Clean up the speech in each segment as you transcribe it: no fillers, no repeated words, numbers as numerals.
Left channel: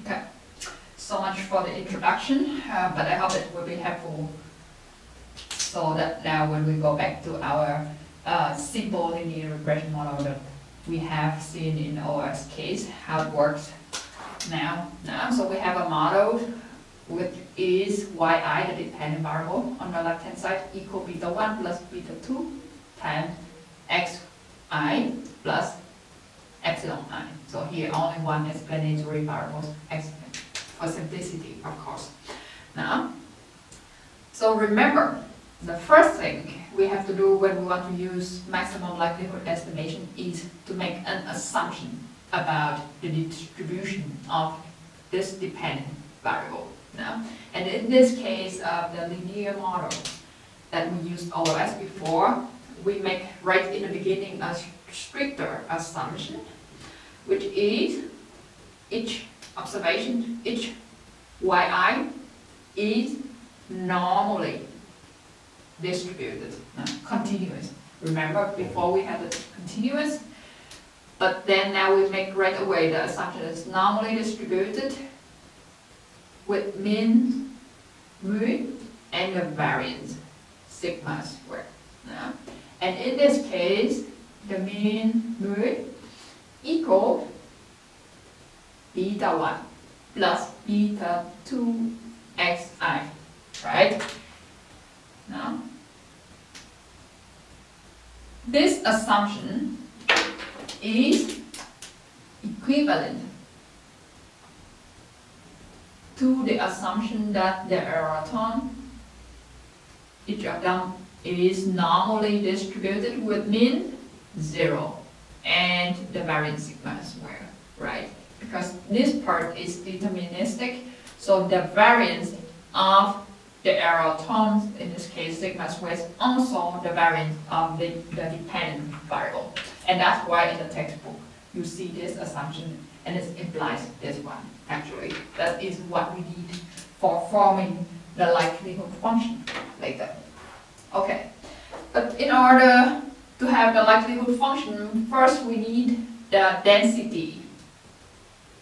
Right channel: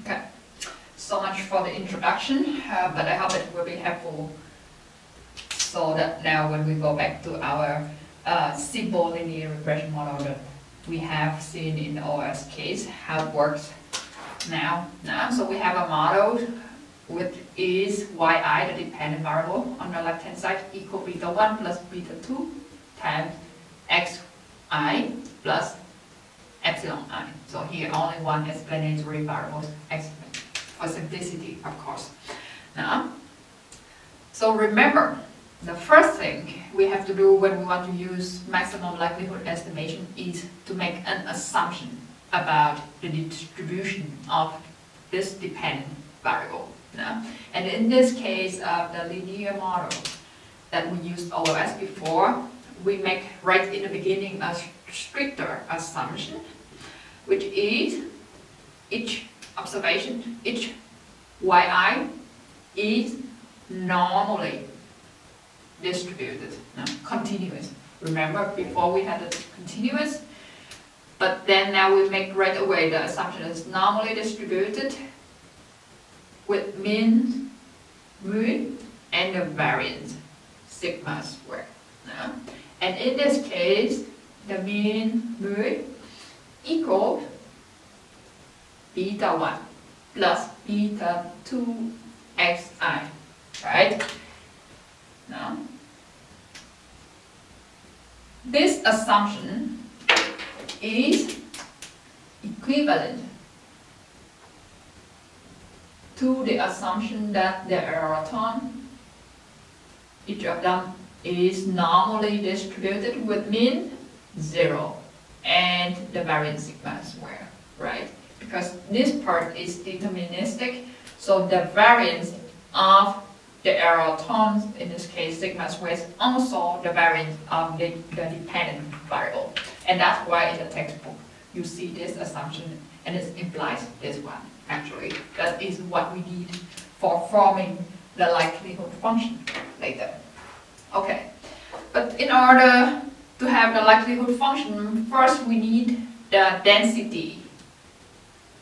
Okay, so much for the introduction, but I hope it will be helpful so that now when we go back to our simple linear regression model that we have seen in the OS case, how it works now. So we have a model with is yi, the dependent variable, on the left hand side equal beta 1 plus beta 2 times xi plus epsilon I. So here only one explanatory variable for simplicity, of course. Now, so remember, the first thing we have to do when we want to use maximum likelihood estimation is to make an assumption about the distribution of this dependent variable. Now, and in this case of the linear model that we used OS before, we make right in the beginning a stricter assumption, which is each observation, each yi is normally distributed, continuous. Remember, before we had it continuous, but then now we make right away the assumption is normally distributed with mean, mu, and the variance, sigma squared. And in this case, the mean mu equals beta 1 plus beta 2 xi, right? Now, this assumption is equivalent to the assumption that the error term, each of them is normally distributed with mean 0 and the variance sigma squared, right? Because this part is deterministic, so the variance of the error terms, in this case sigma squared, is also the variance of the dependent variable. And that's why in the textbook you see this assumption and it implies this one. Actually, that is what we need for forming the likelihood function later. Okay, but in order to have the likelihood function, first we need the density,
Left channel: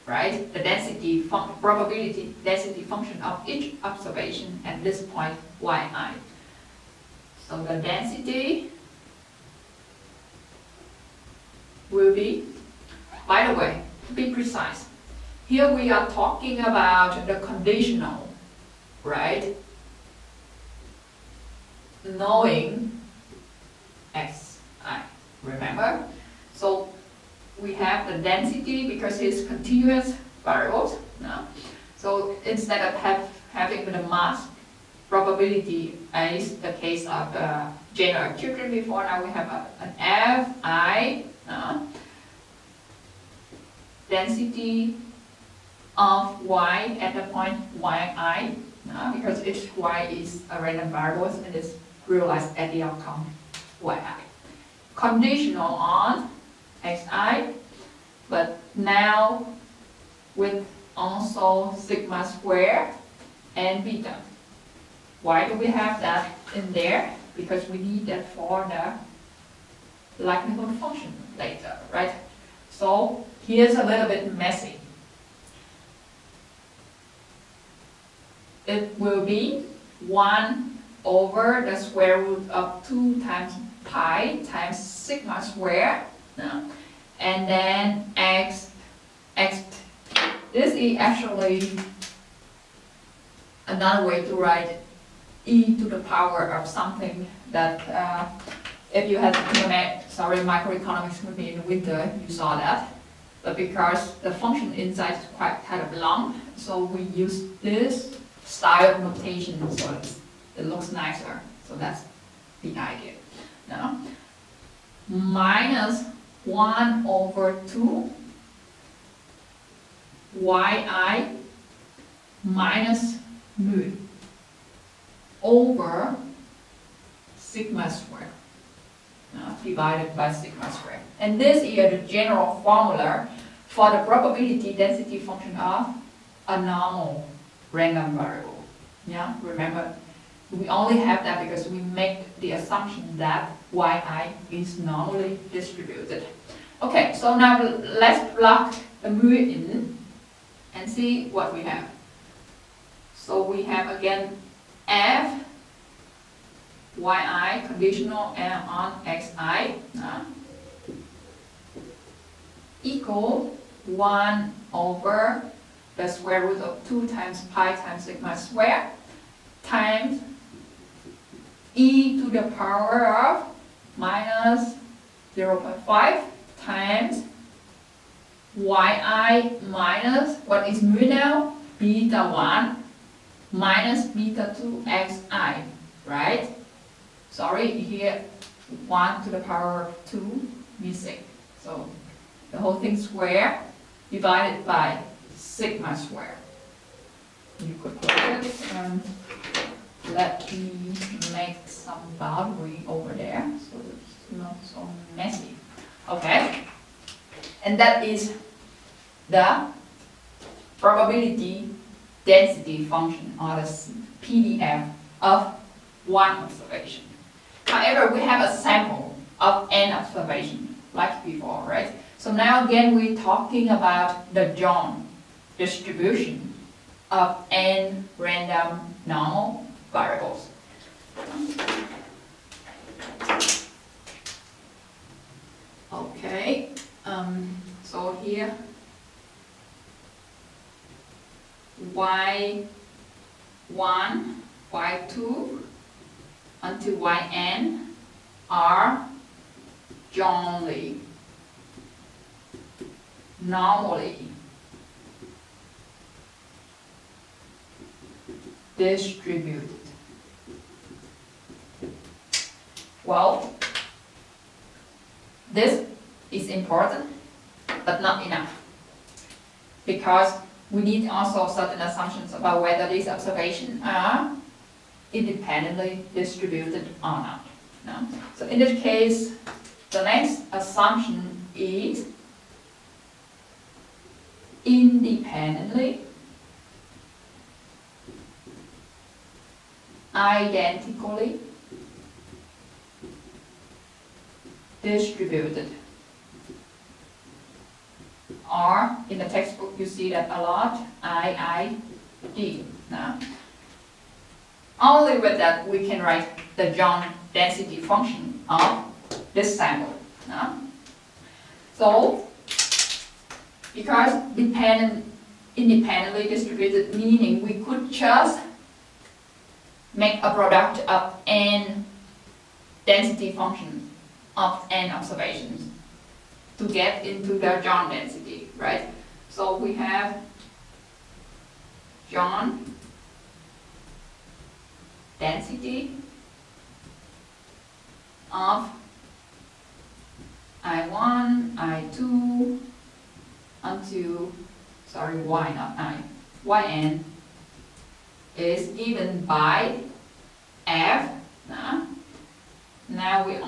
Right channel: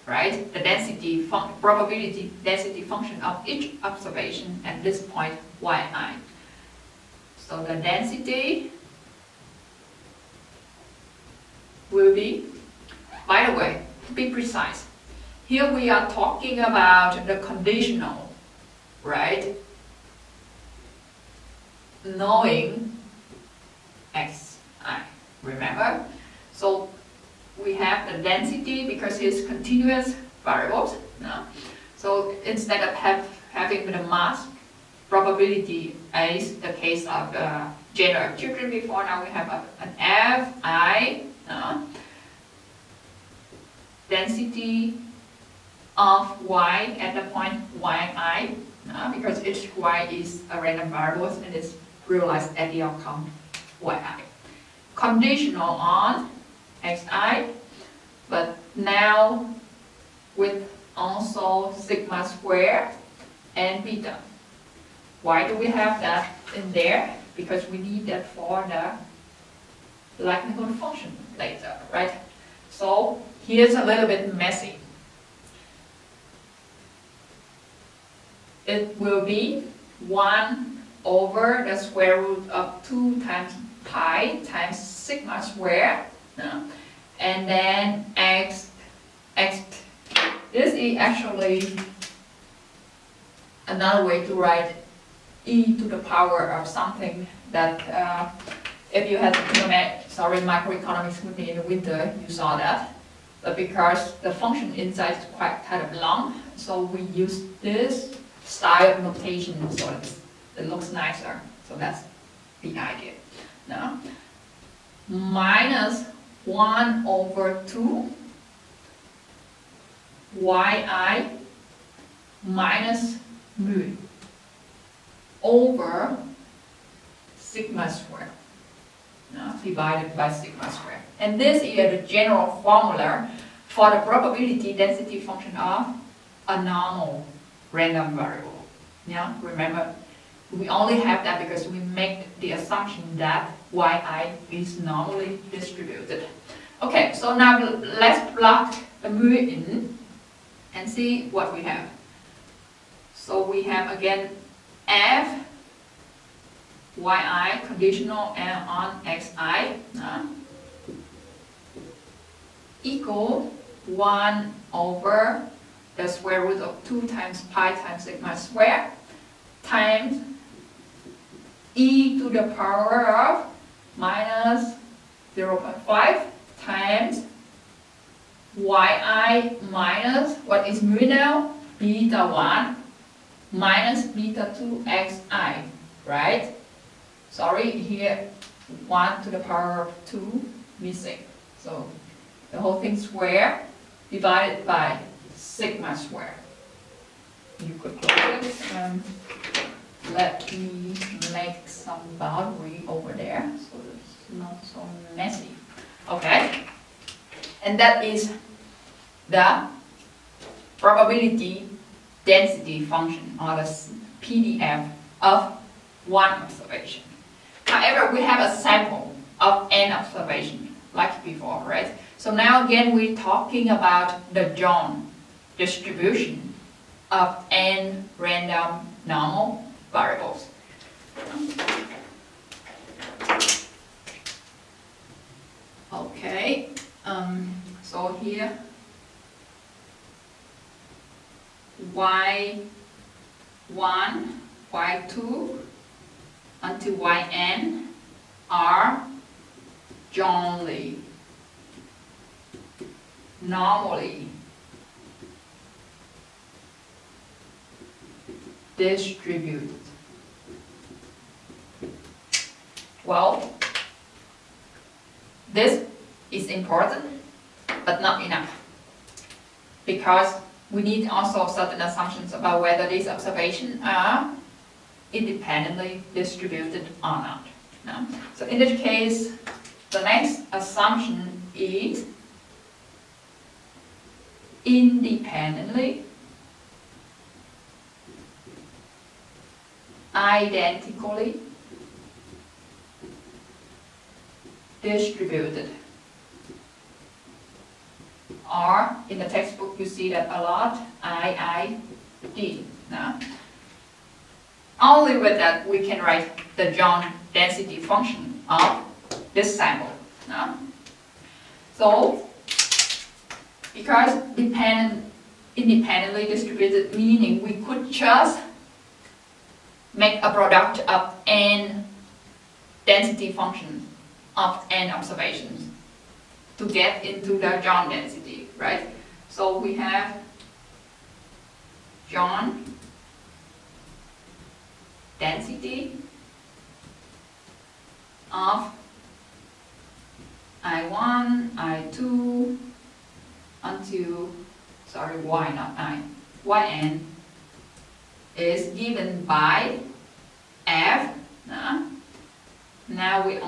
right? The density probability density function of each observation at this point yi. So the density will be, by the way, to be precise, here we are talking about the conditional, right? Knowing xi, remember? So we have the density because it's continuous variables. No? So instead of having the mass probability as the case of general children before, now we have an fi density of y at the point yi, because each y is a random variable and it's realized at the outcome yi. Conditional on xi, but now with also sigma squared and beta. Why do we have that in there? Because we need that for the likelihood function later, right? So here's a little bit messy. It will be 1 over the square root of 2 times pi times sigma squared, and then x. This is actually another way to write e to the power of something that if you had microeconomics with me in the winter, you saw that. But because the function inside is quite kind of long, so we use this style of notation so it looks nicer. So that's the idea. Now, minus 1 over 2 yi minus mu over sigma squared, divided by sigma squared. And this is the general formula for the probability density function of a normal random variable. Yeah, remember, we only have that because we make the assumption that yi is normally distributed. Okay, so now let's plug a mu in. and see what we have. So we have again f yi conditional on xi equal 1 over the square root of 2 times pi times sigma square times e to the power of minus 0.5 times yi minus, what is mu now? Beta 1 minus beta 2 xi, right? Sorry, here 1 to the power of 2 missing. So the whole thing square divided by sigma square. You could close it and let me make some boundary over there so it's not so messy. Okay, and that is the probability density function, or the PDF of one observation. However, we have a sample of n observation like before, right? So now again we're talking about the John distribution of n random normal variables. Okay, so here y1, y2 until yn are Johnly, normally distributed. Well, this is important, but not enough, because we need also certain assumptions about whether these observations are independently distributed or not. No? So in this case, the next assumption is independently identically distributed. Or in the textbook you see that a lot, IID. No? Only with that we can write the John density function of this sample. No? So, because independently distributed, meaning we could just make a product of n density functions of n observations to get into the John density, right? So we have John density of I1, I2 until, sorry, Y not I, Yn is given by F. Now we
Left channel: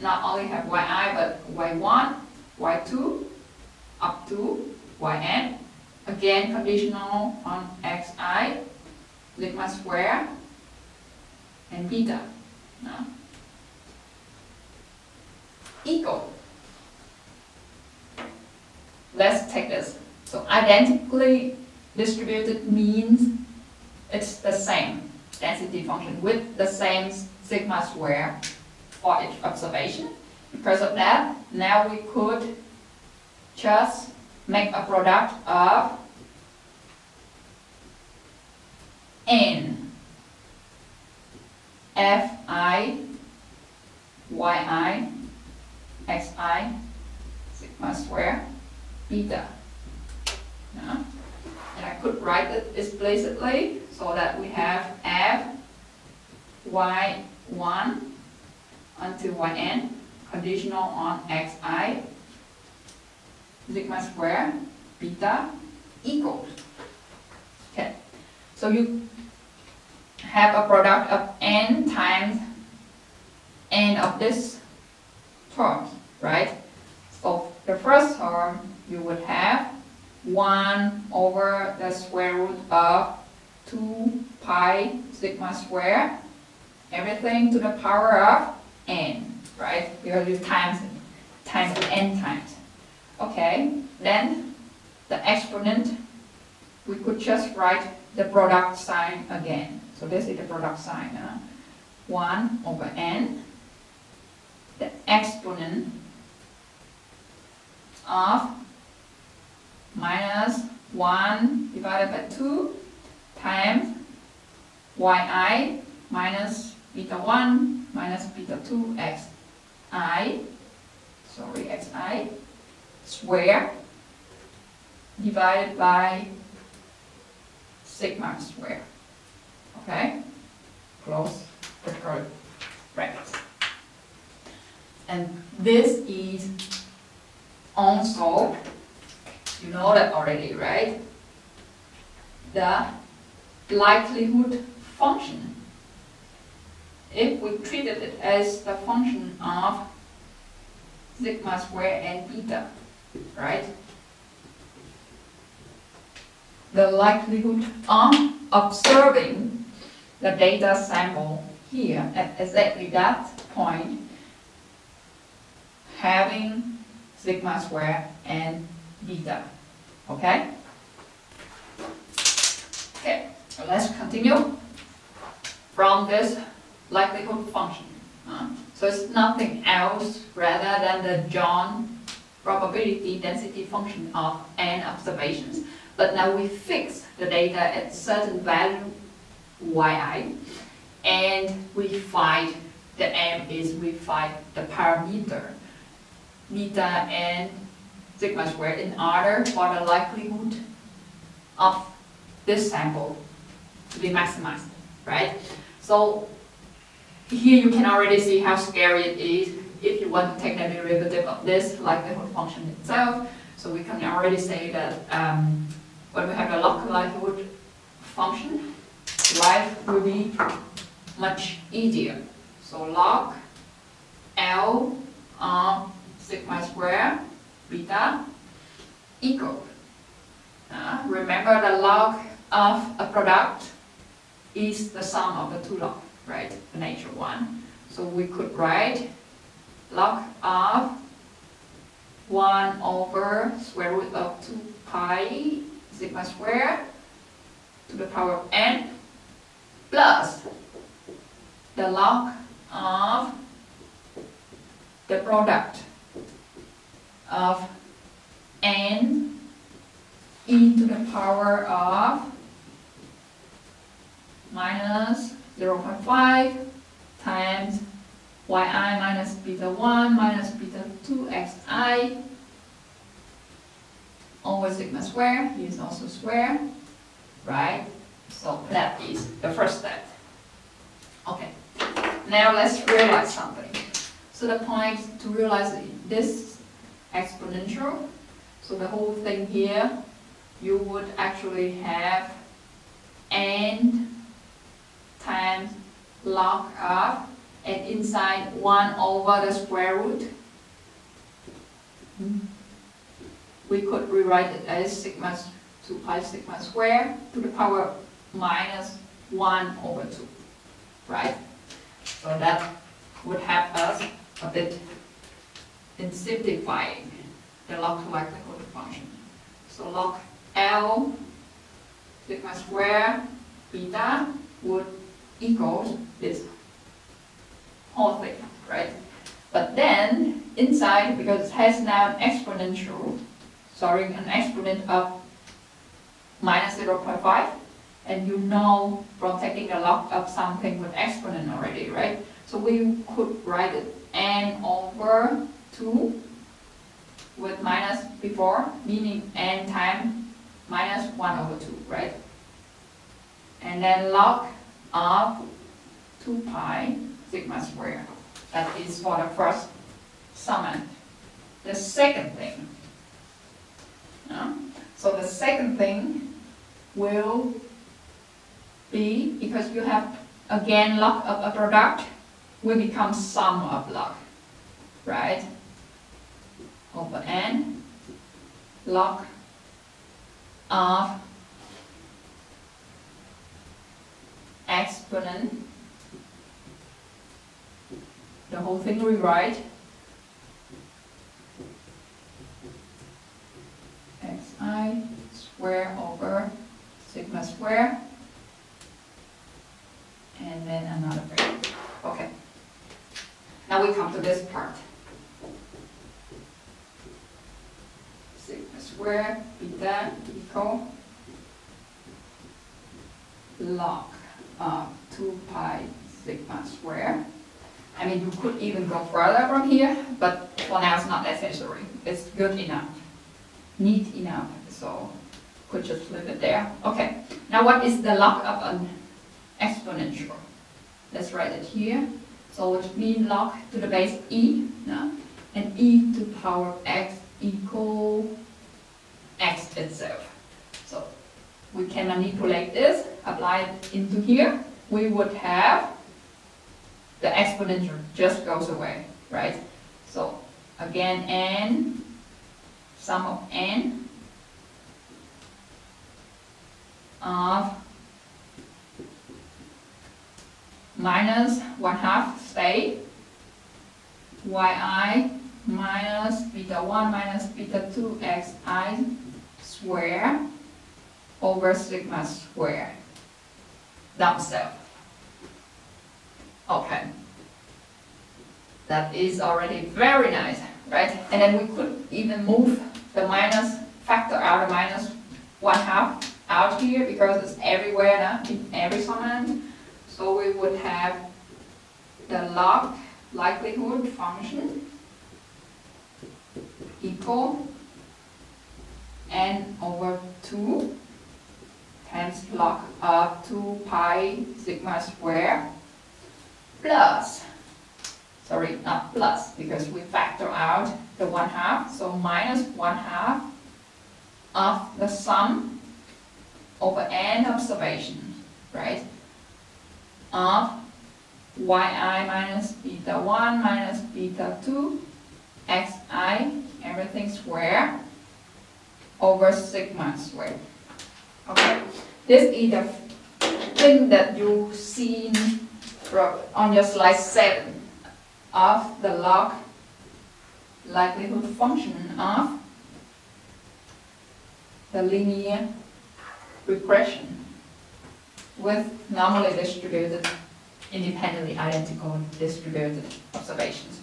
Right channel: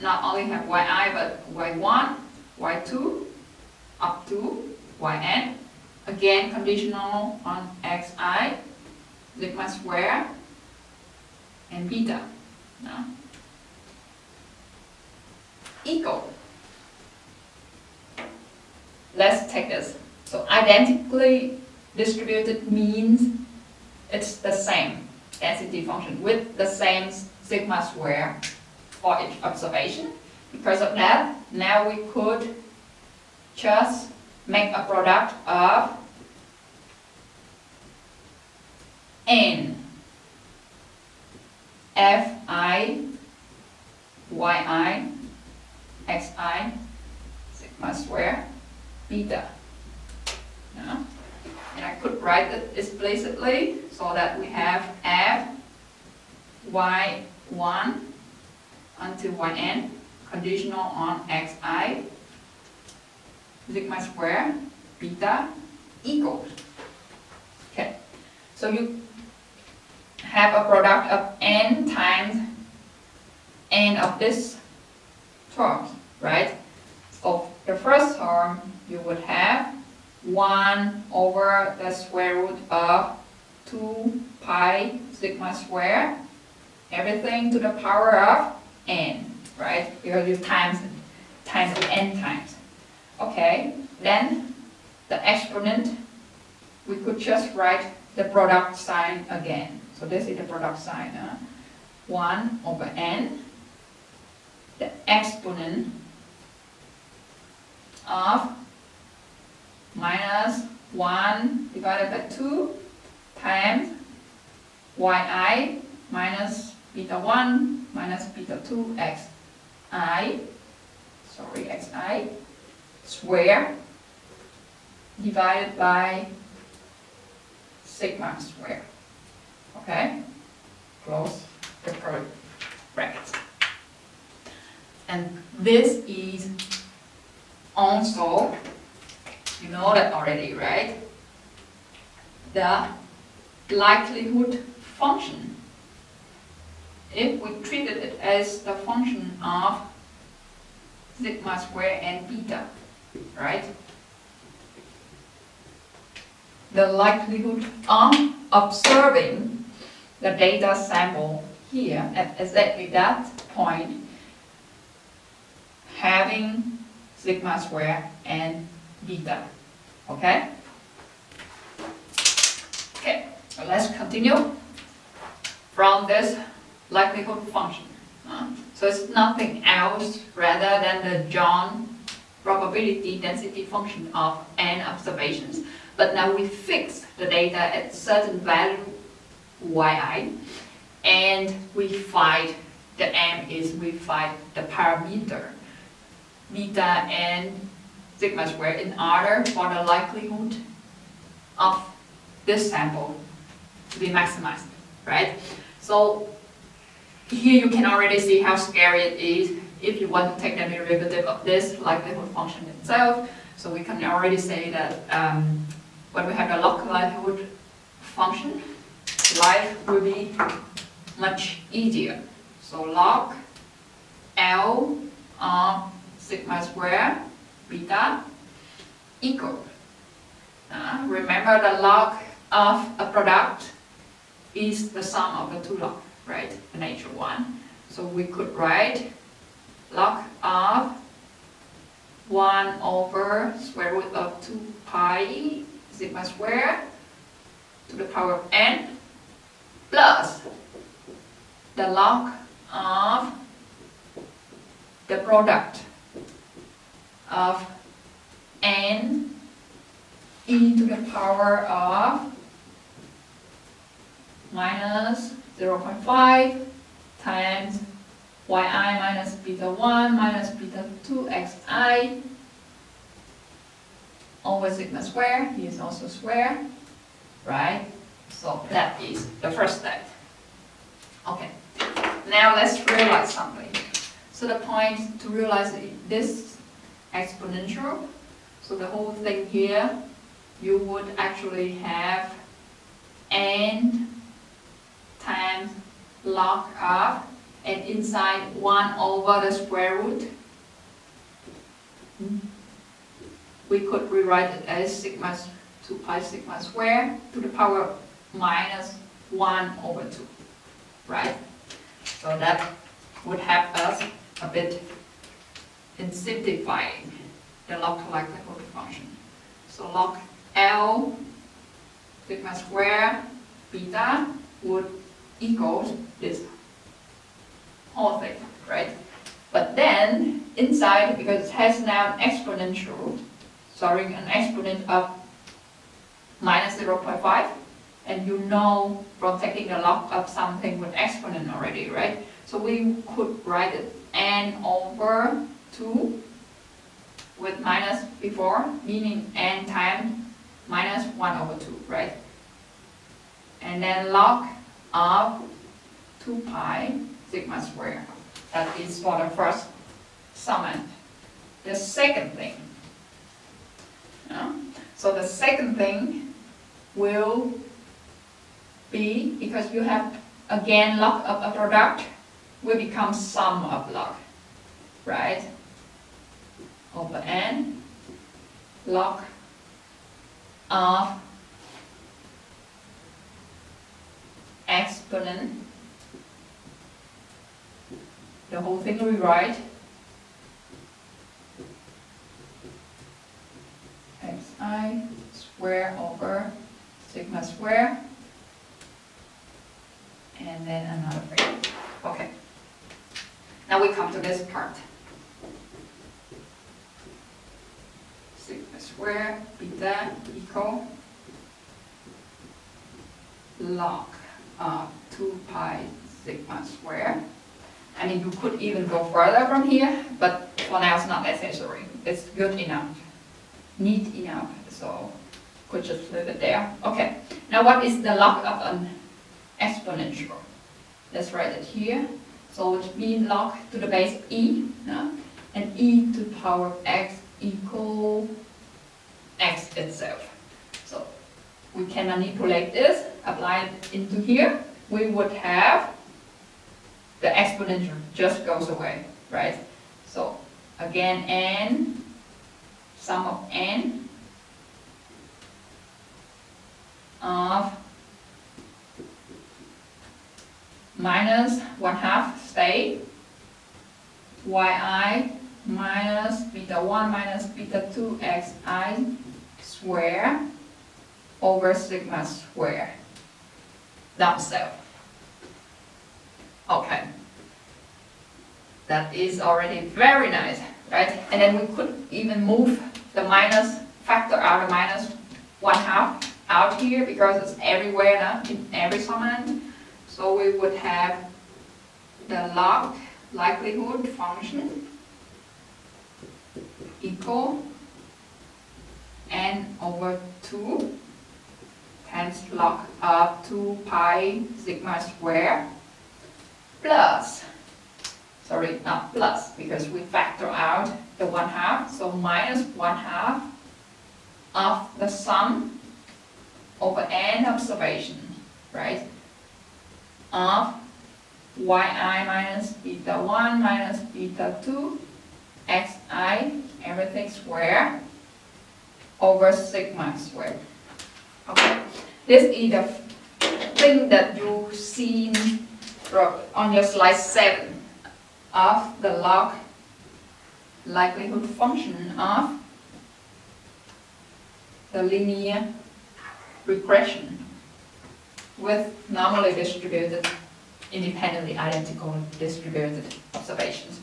not only have Yi but Y1, Y2 up to Yn, again conditional on Xi, sigma square, and beta. Equal. Let's take this. So identically distributed means it's the same density function with the same sigma square for each observation. Because of that, now we could just make a product of n fi, yi, xi, sigma square, beta. No? And I could write it explicitly so that we have f y1 until yn conditional on xi, sigma square, beta equals. Okay, so you have a product of n times n of this terms, right? So the first term you would have 1 over the square root of 2 pi sigma square, everything to the power of n, right? Because you times n times. Okay, then the exponent we could just write the product sign again. So this is the product sign. 1 over n, the exponent of minus 1 divided by 2 times yi minus beta 1 minus beta 2 xi square divided by sigma square. Okay? Close the curly brackets. And this is also, you know that already, right? The likelihood function. If we treated it as the function of sigma square and beta, right? The likelihood of observing the data sample here at exactly that point having sigma square and beta. Okay? Okay, so let's continue from this likelihood function. So it's nothing else rather than the John probability density function of n observations. But now we fix the data at certain value yi, and we find the m is we find the parameter beta and sigma square in order for the likelihood of this sample to be maximized, right? So here you can already see how scary it is if you want to take the derivative of this likelihood function itself. So we can already say that when we have a log likelihood function, life will be much easier. So log L of sigma square beta equals, remember the log of a product is the sum of the two logs, right? The natural one. So we could write log of 1 over square root of 2 pi sigma square to the power of n plus the log of the product of n e to the power of minus 0.5 times yi minus beta 1 minus beta 2 xi over sigma square. He is also square, right? So that is the first step. Okay, now let's realize something. So the point to realize this exponential, so the whole thing here, you would actually have n times log of, and inside 1 over the square root, we could rewrite it as sigma 2 pi sigma square to the power minus 1 over 2, right? So that would help us a bit in simplifying the log likelihood function. So log L sigma square beta would equal this whole thing, right? But then inside, because it has now an exponential, an exponent of minus 0.5, and you know from taking the log of something with exponent already, right? So we could write it n over 2 with minus before, meaning n times minus 1 over 2, right? And then log of 2 pi sigma square. That is for the first summand. The second thing. So the second thing will be, because you have again log of a product, will become sum of log, right? Over n log of exponent, the whole thing we write xi square over sigma square, and then another bracket. Okay. Now we come to this part. Sigma square beta equal log of 2 pi sigma square. I mean, you could even go further from here, but for now it's not necessary. It's good enough, neat enough, so could just leave it there. Okay, now what is the log of an exponential? Let's write it here. So which means log to the base e, no? And e to the power of x equal x itself. So we can manipulate this, apply it into here. We would have the exponential just goes away, right? So again, n, sum of n of minus 1/2 stay, yi minus beta 1 minus beta 2 xi square over sigma square themselves. Okay, that is already very nice, right? And then we could even move the minus factor out, the minus 1/2 out here because it's everywhere now, in every summand. So we would have the log likelihood function equal n over 2 times log of 2 pi sigma square plus, sorry, not plus, because we factor out the 1/2, so minus 1/2 of the sum over n observations, right? Of yi minus beta 1 minus beta 2 xi, everything square, over sigma squared. Okay, this is the thing that you see on your slide 7 of the log likelihood function of the linear regression with normally distributed, independently identical distributed observations.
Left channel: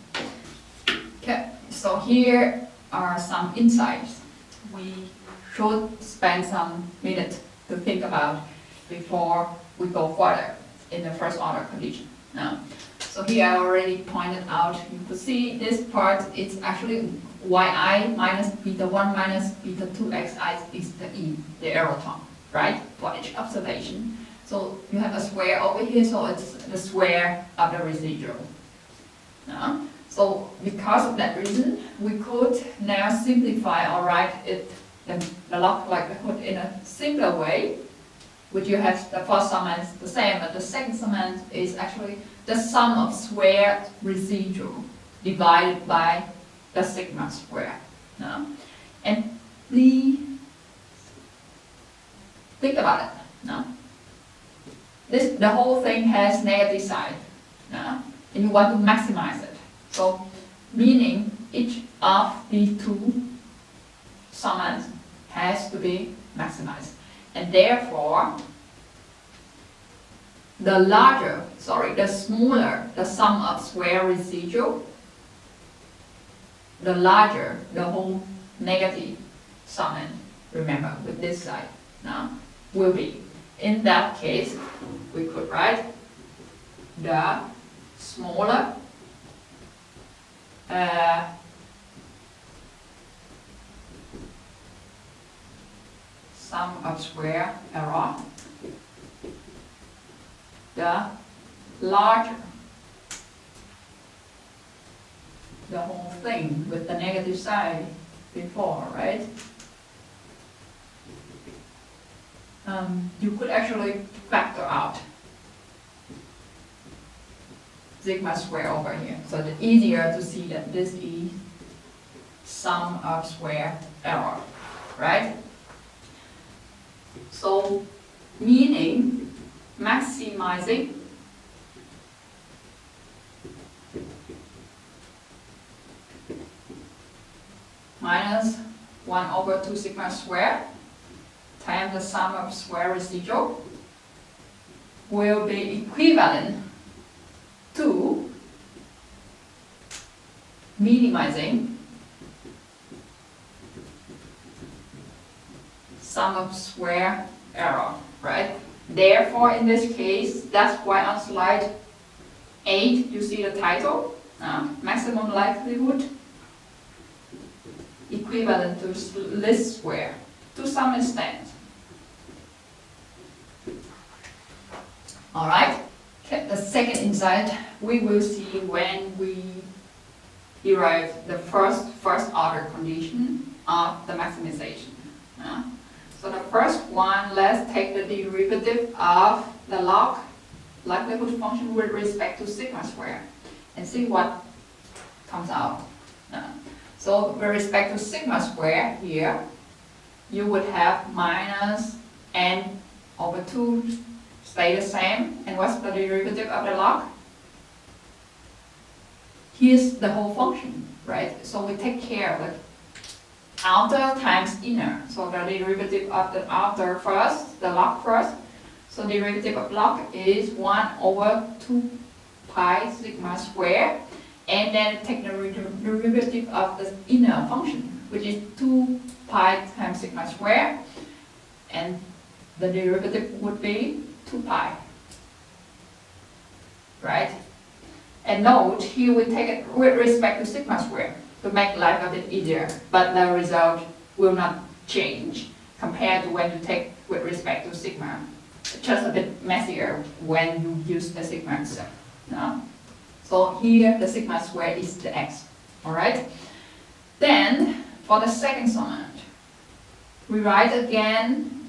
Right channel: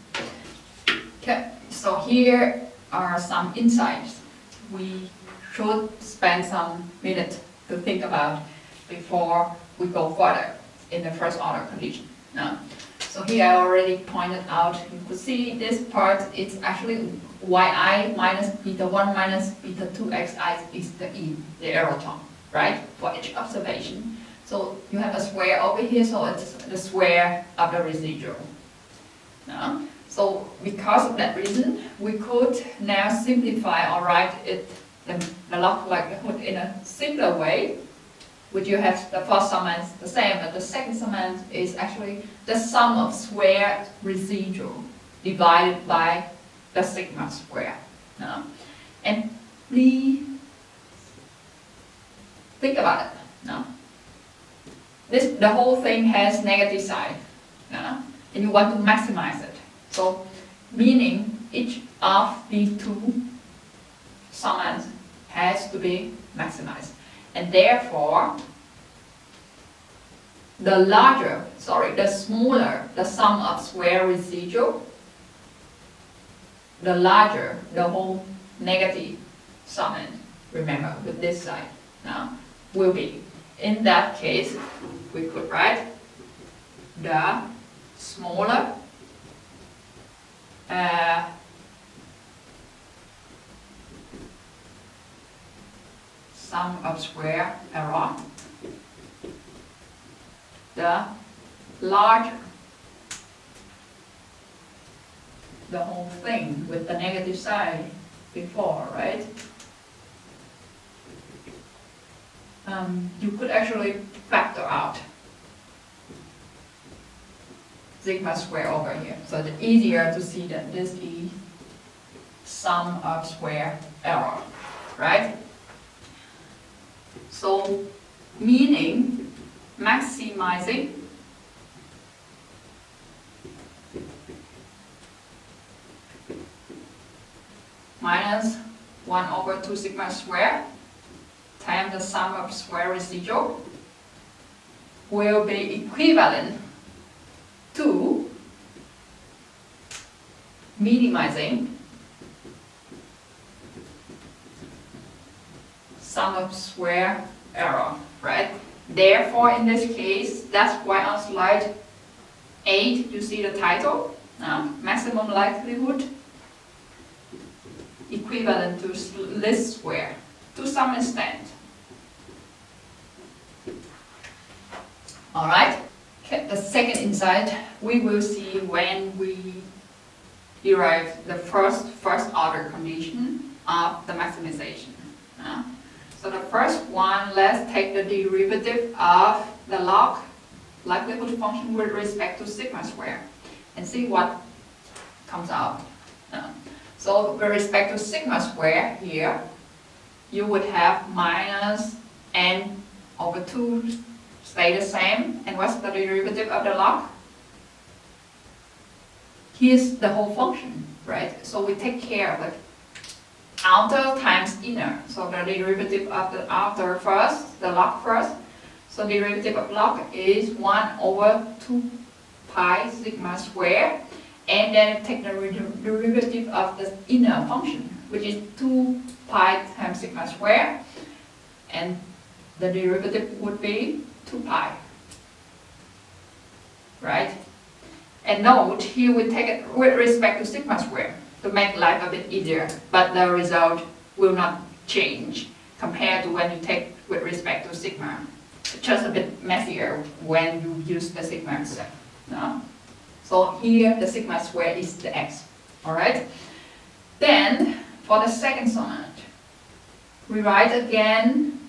Okay, so here are some insights we should spend some minutes to think about before we go further in the first order condition. Now, so here I already pointed out, you could see this part, it's actually yi minus beta 1 minus beta 2 xi is the e, the error term, right, for each observation. So you have a square over here, so it's the square of the residual. Now, so because of that reason, we could now simplify or write it, the log likelihood in a simpler way, which you have the first summand is the same, but the second summand is actually the sum of square residual divided by the sigma square. Now, and please think about it. Now, the whole thing has negative side, and you want to maximize it. So, meaning each of these two summands has to be maximized, and therefore the smaller the sum of square residual, the larger the whole negative summand. Remember, with this side now will be. In that case, we could write the smaller sum of square error, the larger the whole thing with the negative side before, right? You could actually factor out sigma square over here. So it's easier to see that this is sum of square error, right? So meaning maximizing minus 1 over 2 sigma square times the sum of square residual will be equivalent to minimizing sum of square error, right? Therefore, in this case, that's why on slide 8 you see the title, maximum likelihood equivalent to least square, to some extent. Alright, the second insight we will see when we derive the first order condition of the maximization. So the first one, let's take the derivative of the log likelihood function with respect to sigma square and see what comes out. So with respect to sigma square here, you would have minus n over 2 stay the same. And what's the derivative of the log? Here's the whole function, right? So we take care of it. Outer times inner. So the derivative of the outer first, the log first. So derivative of log is 1 over 2 pi sigma square. And then take the derivative of the inner function, which is 2 pi times sigma square. And the derivative would be 2 pi. Right? And note, here we take it with respect to sigma square to make life a bit easier, but the result will not change compared to when you take with respect to sigma. It's just a bit messier when you use the sigma itself. No? So here the sigma square is the x. Alright? Then for the second summand, we write again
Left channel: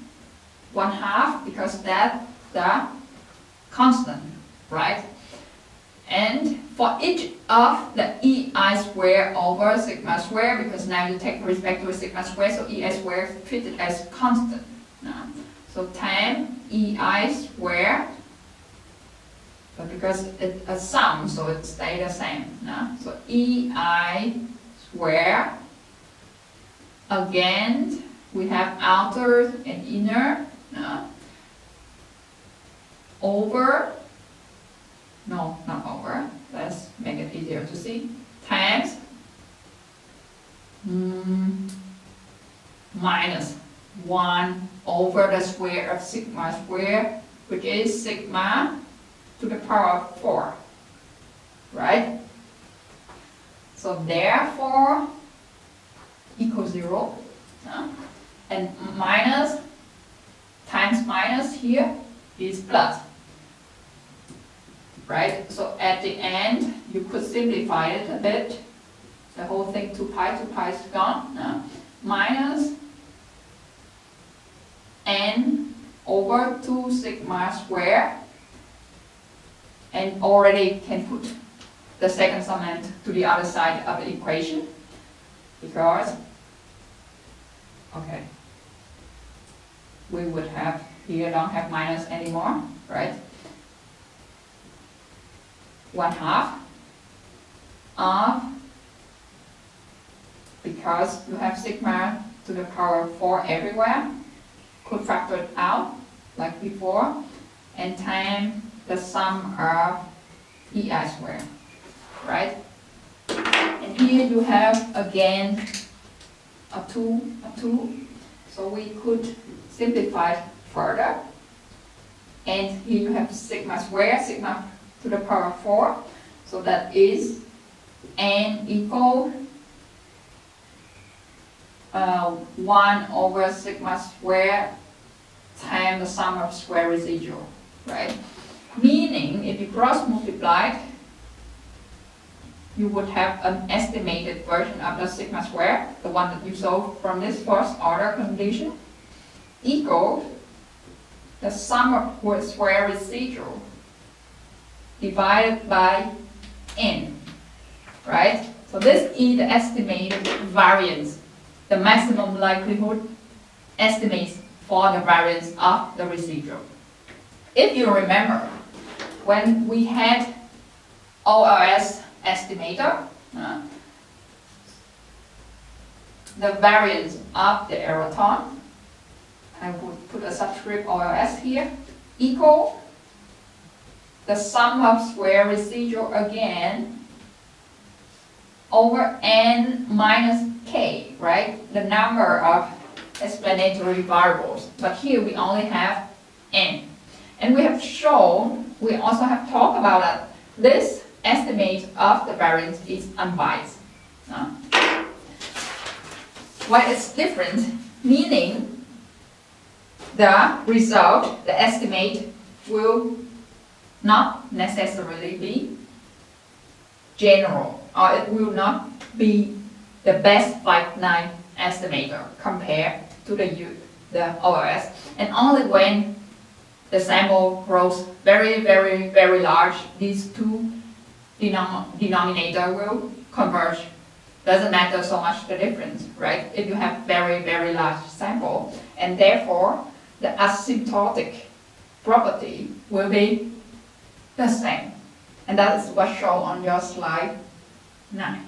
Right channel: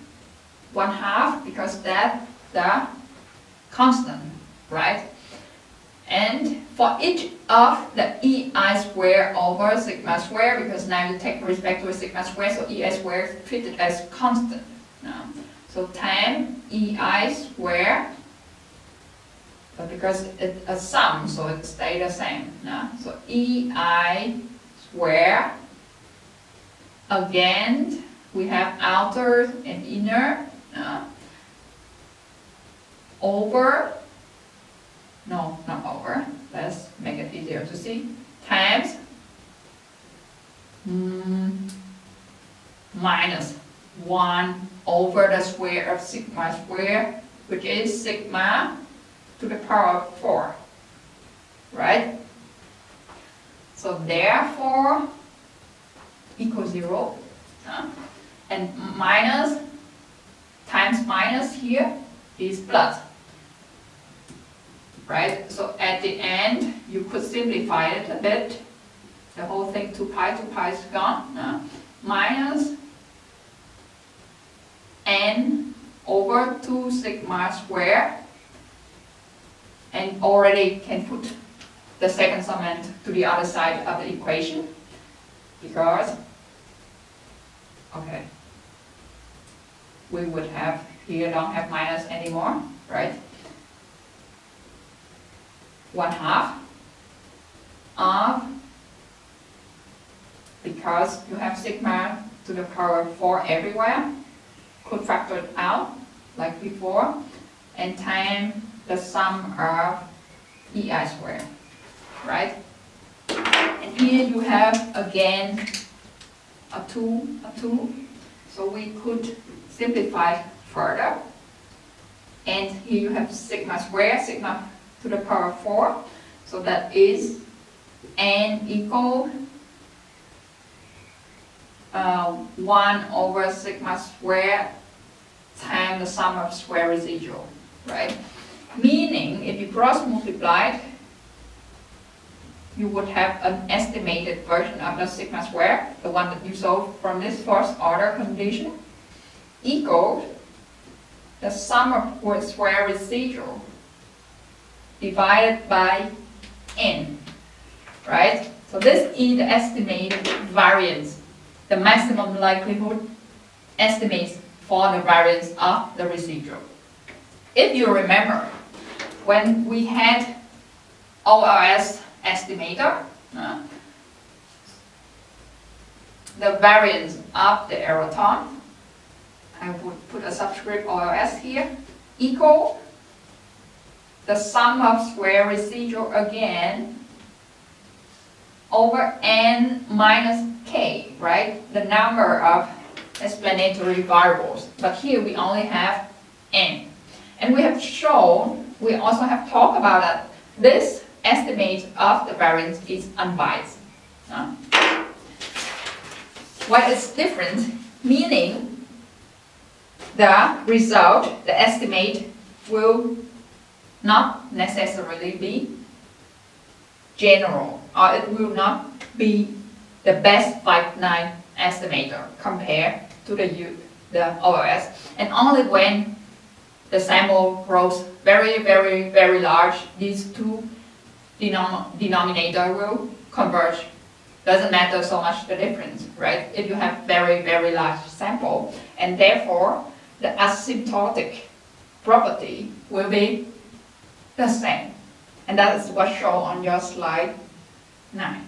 1/2 because that's the constant, right? And for each of the ei square over sigma square, because now you take respect to a sigma square, so ei square is treated as constant. So times ei square, but because it's a sum, so it stays the same. So ei square, again, we have outer and inner, over, no, not over, let's make it easier to see, times minus 1 over the square of sigma square, which is sigma to the power of 4, right? So therefore, equals 0, and minus times minus here is plus. Right? So at the end, you could simplify it a bit. The whole thing, 2 pi is gone. Minus n over 2 sigma square. And already can put the second summand to the other side of the equation. Because, okay, we would have, here don't have minus anymore, right? 1/2 of, because you have sigma to the power of 4 everywhere, could factor it out like before, and time the sum of ei square, right? And here you have again a 2, so we could simplify further. And here you have sigma square, sigma to the power of 4, so that is n equal 1 over sigma square times the sum of square residual, right? Meaning, if you cross multiply, you would have an estimated version of the sigma square, the one that you saw from this first order condition, equal the sum of square residual divided by n, right? So this is the estimated variance, the maximum likelihood estimates for the variance of the residual. If you remember, when we had ORS estimator, the variance of the error term, I would put a subscript OLS here, equal the sum of square residual again over n minus k, right? The number of explanatory variables. But here we only have n. And we have shown, we also have talked about that this estimate of the variance is unbiased. Why it's different? Meaning the result, the estimate, will not necessarily be general, or it will not be the best finite estimator compared to the OLS. And only when the sample grows very, very, very large, these two denominator will converge. Doesn't matter so much the difference, right? If you have very, very large sample, and therefore the asymptotic property will be the same. And that is what's shown on your slide 9.